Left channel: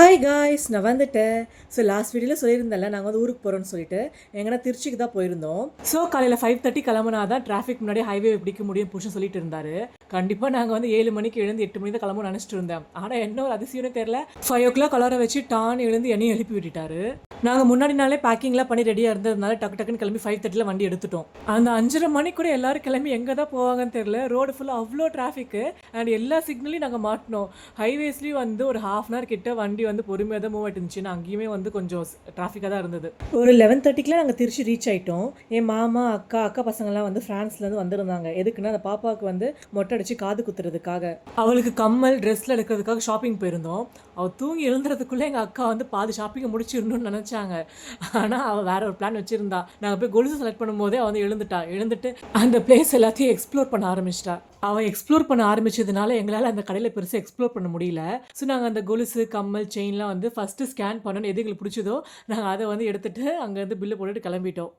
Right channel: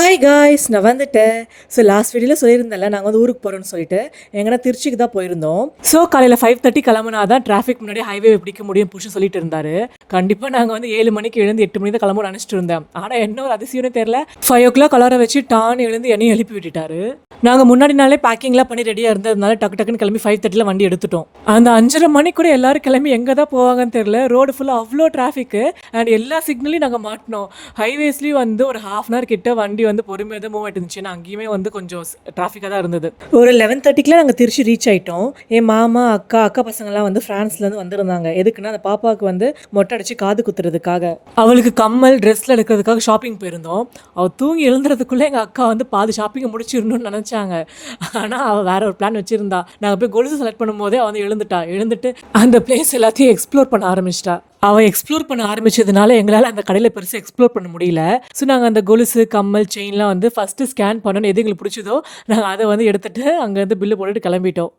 Hi guys, நான் வந்துட்டேன். So last வீடியோவில் சொல்லியிருந்தேன்ல, நாங்கள் வந்து ஊருக்கு போகிறோன்னு சொல்லிட்டு எங்கன்னா திருச்சிக்கு தான் போயிருந்தோம். ஸோ காலையில் 5:30 கிளம்புனா தான் டிராஃபிக் முன்னாடி ஹைவே பிடிக்க முடியும் புருஷன் சொல்லிட்டு இருந்தார். கண்டிப்பாக நாங்கள் வந்து 7 மணிக்கு எழுந்து 8 மணி தான் கிளம்புன்னு நினச்சிட்டு இருந்தேன். ஆனால் என்ன ஒரு அதிசயம்னே தெரில, 5 o'clock அலார வச்சு டான் எழுந்து என்னையும் எழுப்பி விட்டுட்டாரு. நாங்கள் முன்னாடி நாளே பேக்கிங்லாம் பண்ணி ரெடியாக இருந்ததுனால டக்குன்னு கிளம்பி 5:30 வண்டி எடுத்துட்டோம். அந்த 5:30 மணி கூட எல்லாரும் கிளம்பி எங்கே தான் போவாங்கன்னு தெரியல. ரோடு ஃபுல்லாக அவ்வளோ டிராஃபிக்கு அண்ட் எல்லா சிக்னலையும் நாங்கள் மாட்டினோம். ஹைவேஸ்லேயும் வந்து ஒரு ½ hour கிட்ட வண்டி வந்து பொறுமையாக தான் மூவ் ஆகிட்டு இருந்துச்சு. நான் அங்கேயுமே வந்து கொஞ்சம் டிராஃபிக்காக தான் இருந்தது. ஒரு 11:30 நாங்கள் திருச்சி ரீச் ஆகிட்டோம். என் மாமா அக்கா பசங்கள்லாம் வந்து ஃப்ரான்ஸ்லேருந்து வந்திருந்தாங்க. எதுக்குன்னா அந்த பாப்பாவுக்கு வந்து மொட்டை அடிச்சு காது குத்துறதுக்காக, அவளுக்கு கம்மல் ட்ரெஸ்ஸில் எடுக்கிறதுக்காக ஷாப்பிங் போயிருந்தோம். அவள் தூங்கி எழுந்துறதுக்குள்ளே எங்கள் அக்கா வந்து பாதி ஷாப்பிங்கை முடிச்சிடணும்னு நினச்சாங்க. ஆனால் அவள் வேற ஒரு பிளான் வச்சுருந்தா. நாங்கள் போய் கொலுசு செலக்ட் பண்ணும்போதே அவள் வந்து எழுந்துட்டு அந்த பிளேஸ் எல்லாத்தையும் எக்ஸ்ப்ளோர் பண்ண ஆரம்பிச்சிட்டா. அவள் எக்ஸ்ப்ளோர் பண்ண ஆரம்பிச்சதுனால எங்களால் அந்த கடையில் பெருசாக எக்ஸ்ப்ளோர் பண்ண முடியல. ஸோ நாங்கள் அந்த கொலுசு கம்மல் செயின்லாம் வந்து ஃபஸ்ட்டு ஸ்கேன் பண்ணணும். எது எங்களுக்கு பிடிச்சதோ நாங்கள் அதை வந்து எடுத்துகிட்டு அங்கேருந்து பில்லு போட்டுட்டு கிளம்பிட்டோம்.